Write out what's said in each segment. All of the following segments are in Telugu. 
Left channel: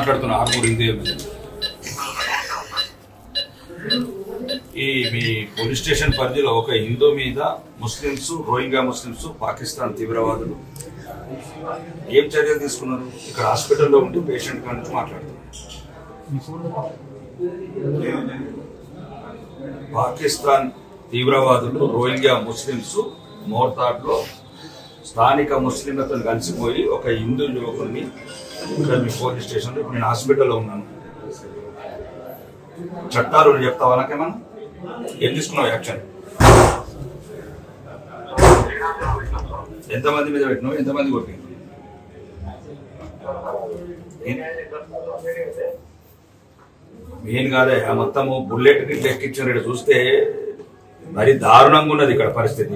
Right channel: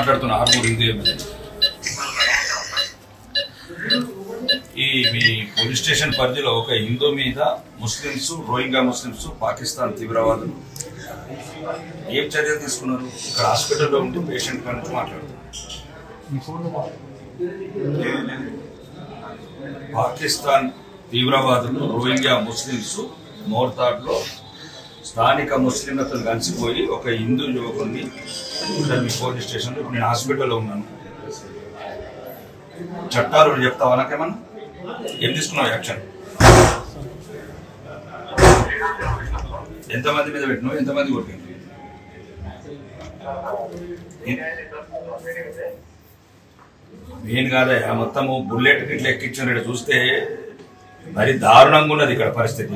మాట్లాడుతున్నా ఆర్మూర్ హిందూ ఎమ్మెల్యే. ఈ మీ పోలీస్ స్టేషన్ పరిధిలో ఒక హిందూ మీద ముస్లింస్, రోహింగ్యా ముస్లింస్, పాకిస్తాన్ తీవ్రవాదులు ఏం చర్యలు తీసుకున్నారు? ఇక్కడ హాస్పిటల్లో ఉంటే పేషెంట్ నుంచి మాట్లాడుతున్నారు. పాకిస్తాన్ తీవ్రవాదులు రోహింగ్యా ముస్లింస్ మోర్తాడ్లో స్థానిక ముస్లింలతో కలిసిపోయి ఒక హిందూ యువకుడిని ఇక్కడ మీ పోలీస్ స్టేషన్లో, నేను హాస్పిటల్లో ఉన్నాను, చట్టాలు చెప్తావా నాకేమన్నా? ఏం తీసుకున్నావు యాక్షన్? ఎంతమంది మీద పెట్టినావు? ఎంతమంది కొట్టింది? మెయిన్ కాదే మొత్తము బుల్లెట్ గిట్ల ఎక్కించిన చూస్తే మరి దారుణంగా ఉన్నది ఇక్కడ పరిస్థితి.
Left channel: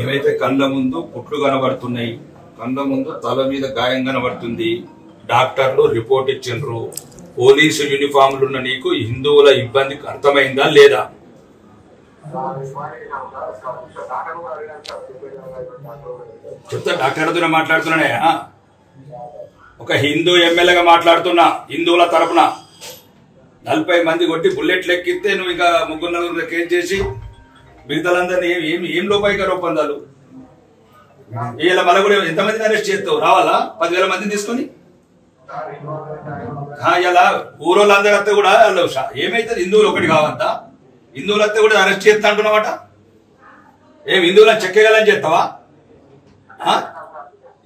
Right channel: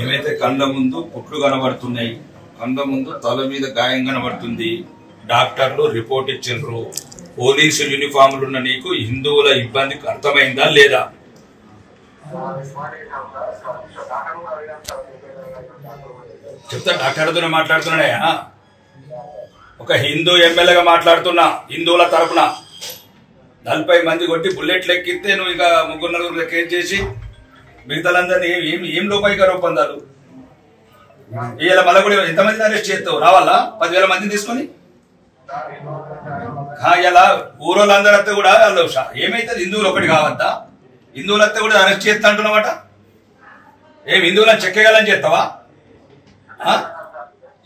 ఏమైతే కళ్ళ ముందు పుట్లు కనబడుతున్నాయి, కళ్ళ ముందు తల మీద గాయం కనబడుతుంది, డాక్టర్లు రిపోర్ట్ ఇచ్చిండ్రు, పోలీసు యూనిఫామ్లు ఉన్న నీకు హిందువుల ఇబ్బంది అర్థమైందా లేదా? చెప్తా, డాక్టర్తో మాట్లాడుతున్నాయా? ఒక హిందూ ఎమ్మెల్యేగా మాట్లాడుతున్నా, హిందువుల తరపున 40 మంది కొట్టి బుల్లెట్లు ఎక్కిస్తే నువ్వు ఇక 3-4 కేసు చేసి మిగతాలందరినీ ఏం లోపాయిక ఒప్పందాలు? ఇలా మళ్ళీ కూడా ఎంతమందిని అరెస్ట్ చేస్తావు? రావాలా 10,000 మందిని తీసుకొని? ఇలా ఊరోళ్ళందరూ వస్తే కూడా ఏమైతుంది? హిందువులు ఒకటి కావద్దా? హిందువులు వస్తే కూడా అరెస్ట్ చేస్తా అంటున్నావట. ఏం హిందువులను చెక్కగలని చేస్తావా?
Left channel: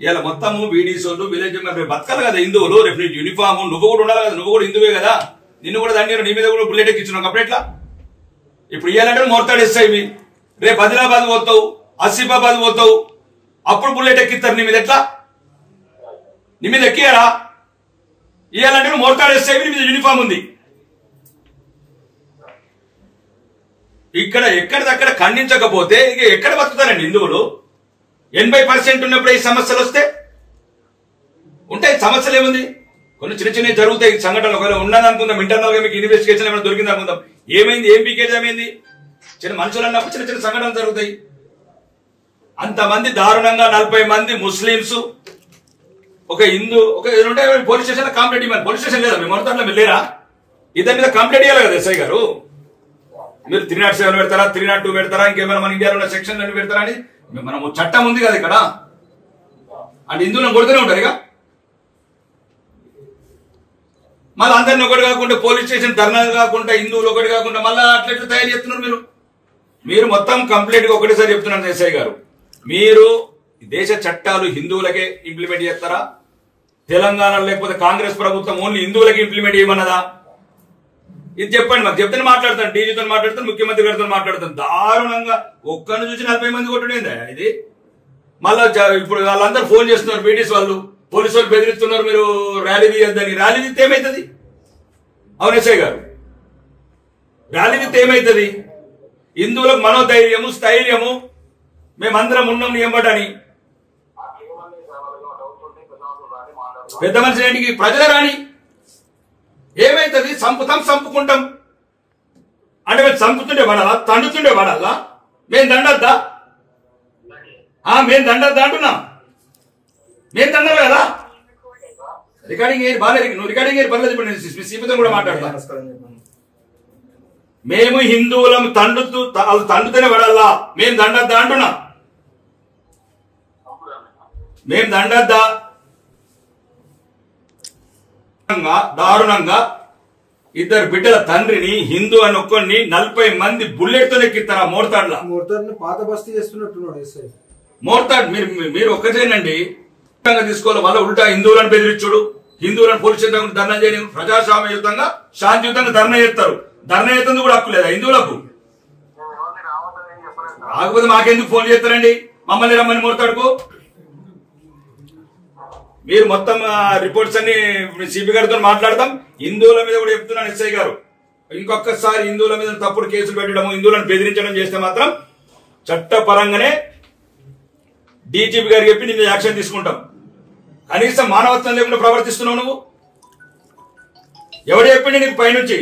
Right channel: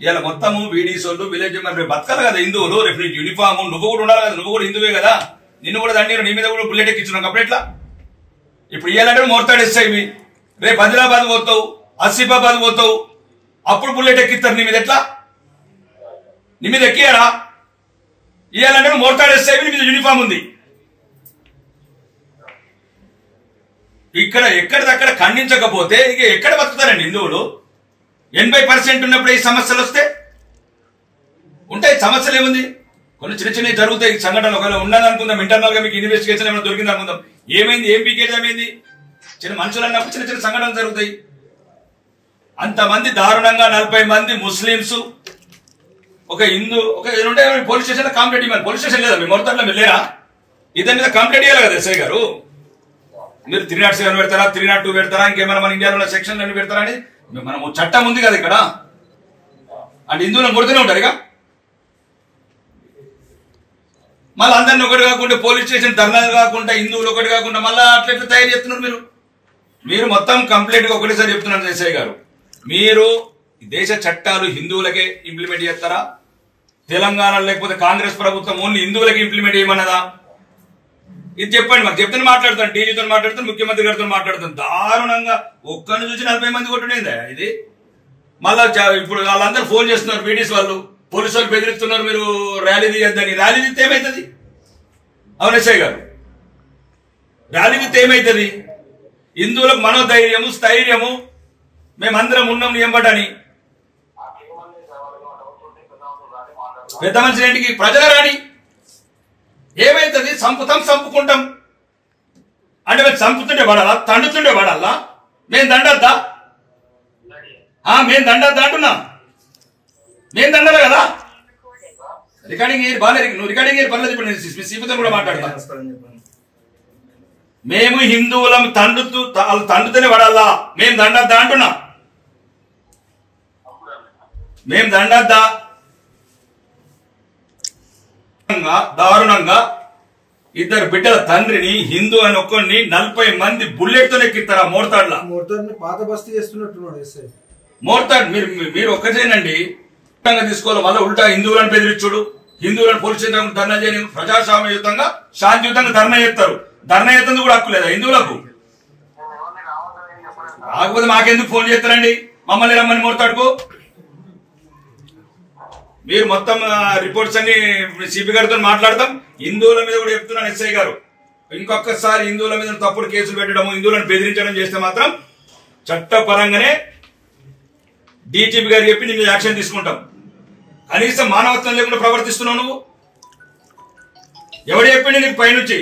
ఇలా మొత్తము బీడీసోళ్ళు విలేజ్ బతకాలి కదా హిందువులు. రేపు నీకు యూనిఫామ్, నువ్వు కూడా ఉండాలి కదా, నువ్వు కూడా హిందువే కదా, నిన్ను కూడా దండి, నీ మీద కూడా బుల్లెట్ ఎక్కించున్నావు. అప్పుడు ఎట్లా? ఇప్పుడు ఇవ్వాలంటే మోర్తాడేస్తాయి, రేపు ఆదిలాబాద్ పోతావు, ఆసిఫాబాద్ పోతావు, అప్పుడు బుల్లెట్ ఎక్కిస్తారు నీ మీద. ఎట్లా? నీ మీద ఎక్కియారా? ఇవ్వాలంటే నువ్వు మోర్తాడేస్తాయి, నీ మీద యూనిఫామ్ ఉంది. ఇక్కడ ఎక్కడిదక్కడ ఖండించకపోతే ఇక ఎక్కడ బతుకుతారండి హిందువులు? 80% ఉన్నప్పుడు ఈ సమస్యలు వస్తే ఉంటాయి. సమస్యలు ఏముంది? కొన్ని చిన్న చిన్నవి జరుగుతాయి సంఘటనలు. ఒకవేళ ఉన్నది అనుకుందాం, ఇంటర్నల్ గా మీకు ఇన్వెస్టిగేషన్ ఏమైనా దొరికింది అనుకుందాం. ఏమైంది? ఏం పీకేది ఏమైంది? చిన్న మనుషులు అన్నప్పుడు చిన్న చిన్న సంఘటనలు జరుగుతాయి. అంతమంది దారుణంగా 40 మంది ముస్లింస్, ఒక హిందూ, ఒక ఉంటే పోలీస్ స్టేషన్ కంప్లైంట్ ఇవ్వాలి. పోలీస్ స్టేషన్ లేదా మీ మొత్తంలో మీరు లేరా? ఇద్దరి మీద కంప్లైంట్ ఇవ్వాలి కదా ఎస్ఐ గారు. మీరు 307 పెడతారా, 302 పెడతారా, ఇంకేమైనా మన ఇండియాలో ఉన్న సెక్షన్లు అన్ని పెడతారా అని మనం చట్టం ఉంది కదా ఇక్కడ. అంటే హిందువులను కొడుతూనే ఉంటారు ఇక. మళ్ళీ అందరిని ఒకటి కాకుండా పోలీస్ స్టేషన్ ధర్నాలు కాకుండా, హిందువులు ఒకటి కాకుండా మళ్ళీ అట్లెట్లా తయారు చేస్తున్నారు మీరు మొత్తం కంప్లీట్ గా ఒకటేసారి చెప్తున్నాను ఎస్ఐ గారు. మీరు దేశ చట్టాలు హిందువులకే ఇంప్లిమెంట్ చేస్తారా? తెలంగాణ లేకపోతే కాంగ్రెస్ ప్రభుత్వం ఓన్లీ హిందువులకి ఇంప్లిమెంట్ చేయమన్నదా? ఇది చెప్పండి. మాకు చెప్తే మాట్లాడతాను, డీజీతో మాట్లాడతాను, ముఖ్యమంత్రి గారితో మాట్లాడతాను. దారుణంగా ఒక్కరిని చూసి 40 మంది కొట్టుడేందా ఇది? మళ్ళా ఇప్పుడు వాళ్ళందరూ ఫోన్ చేస్తున్నారు, పీడీస్ వాళ్ళు, పోలీసు వాళ్ళు బెదిరిస్తున్నారు, మీరు ర్యాలీ తీయద్దని. ర్యాలీ తీస్తే ఏమవుతుంది? అవును ఎస్ఐ గారు, ర్యాలీ తీస్తే ఏమవుతుంది? హిందువులకు మనోధైర్యము, స్థైర్యము, మేమందరం ఉన్నాం నియంబటని. పెద్ద మనిషి ఏంటికి? ప్రజల రాని ఏమైతుంది? చంపుకుంటాం అంటే మేము చంపుతుండే పడాలా, తండుతుండే పడాలా? మేము దండద్దా? మేము దండద్దా అంటున్నా. మేము దండాలి కదా. రికార్డింగ్ బాగా నువ్వు రికార్డింగ్ పర్లేదు. ఇప్పుడు నేను సీపీతో కూడా మాట్లాడతా. మేము హిందువులం తండుతూనే పడాలా? మేము దండద్దా అంటున్నా. మేము దండద్దా? దారుణంగా ఇద్దరు బిడ్డల తండ్రిని, హిందూ అని ఒక్కడిని 40 మంది బుల్లెట్ తో ఎక్కిస్తారా మోర్తాడ్లా? పాత బస్తీ చేస్తున్నట్టున్నాడు మోర్తాడ్. మీరు ఒక్కటేనండి తీసుకోవాలి. మళ్ళీ ఉల్టా హిందువులను బెదిరించుడు, హిందువులను పోలీస్ స్టేషన్ ధర్నా చేయడం. ప్రజాస్వామ్యయుతంగా శాంతియుతంగా ధర్నా చేస్తారు. ధర్నా చేస్తుంది కూడా హక్కు లేదా హిందువులకు? కాకపోతే మాకెందుకు ఫోన్ చేస్తారండి? మమ్మల్ని రమ్మని మోర్తాడుకో. మీరు మొత్తం రిపోర్ట్స్ అన్ని సిపి గారితో మాట్లాడతాం. హిందువుల మీద కూడా చెప్తున్నాను ఎస్ఐ గారు, ఇంకొకసారి హిందువుల మీద తప్పుడు కేసులు పెట్టడం, హిందువులను బెదిరించడం చేస్తే మాత్రం చట్టపరంగానే డీజీపీ గారికి చెప్పి నీ మీద యాక్షన్ తీసుకుంటాం. కనీసం మానవత్వం లేకుండా ప్రవర్తిస్తున్నావు నువ్వు. ఎవడు చెప్పిండు నీకు పైనుంచి?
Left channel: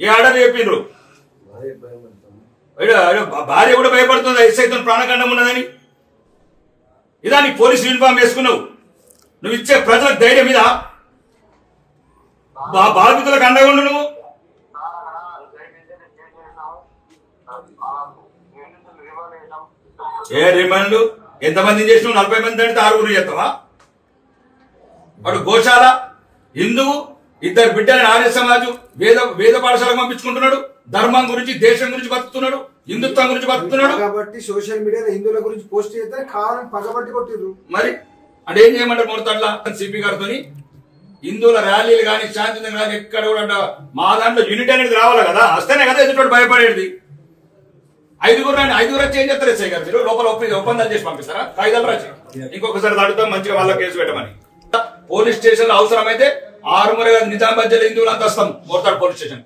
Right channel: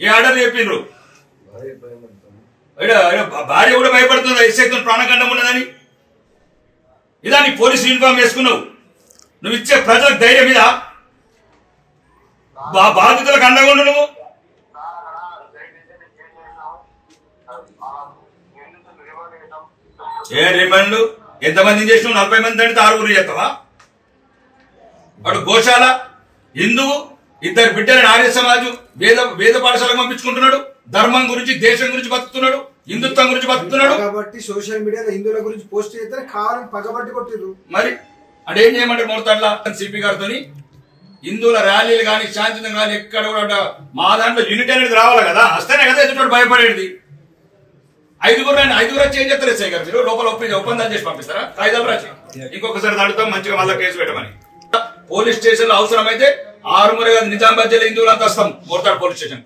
ఏ ఆర్డర్ చెప్పిండ్రు? భార్య కూడా భయపడుతుంది ఎస్ఐతో ప్రాణగండం ఉన్నదని. ఇదా నీ పోలీసు యూనిఫామ్ వేసుకున్నావు, నువ్వు ఇచ్చే ప్రజలకు ధైర్యం మీద బాధితులకు అండగా ఉండు. నువ్వు ఏ రిమాండ్లు ఎంతమందిని చేసినావు? 40 మంది అంటే 6 చేస్తావా? వాడు గోశాల హిందువు, 2 బిడ్డలని ఆర్య సమాజం వేద పాఠశాలకు పంపించుకుంటున్నాడు. ధర్మం గురించి, దేశం గురించి బతుకుతున్నాడు, హిందుత్వం గురించి బతుకుతున్నాడు. కాబట్టి సోషల్ మీడియాలో హిందువుల గురించి పోస్ట్ చేస్తే కావాలని పగబట్టి కొట్టిరు. మరి అంటే ఏం చేయమంటారు? మొత్తంలా సిపి గారితో హిందువుల ర్యాలీలు కానీ, శాంతియుతంగా కానీ ఎక్కడ కూడా మా దాంట్లో యూనిట్ అనేది రావాలి కదా, వస్తేనే కదా ఎదుటి భయపడేది. 5 వచ్చి ఏం చెప్తారు ఎస్ఐ గారు? మీరు లోపల ఒప్పందాలు చేసి పంపిస్తారా? కాగితాలు రాసి ఇంకొకసారి దాడుతాం, మంచిగా వాళ్ళ కేసు పెట్టమని. పోలీస్ స్టేషన్ లో అవసరమైతే 6 నిజామాబాద్ జిల్లా హిందువులంతా వస్తాం మోర్తాడు పోలీస్ స్టేషన్.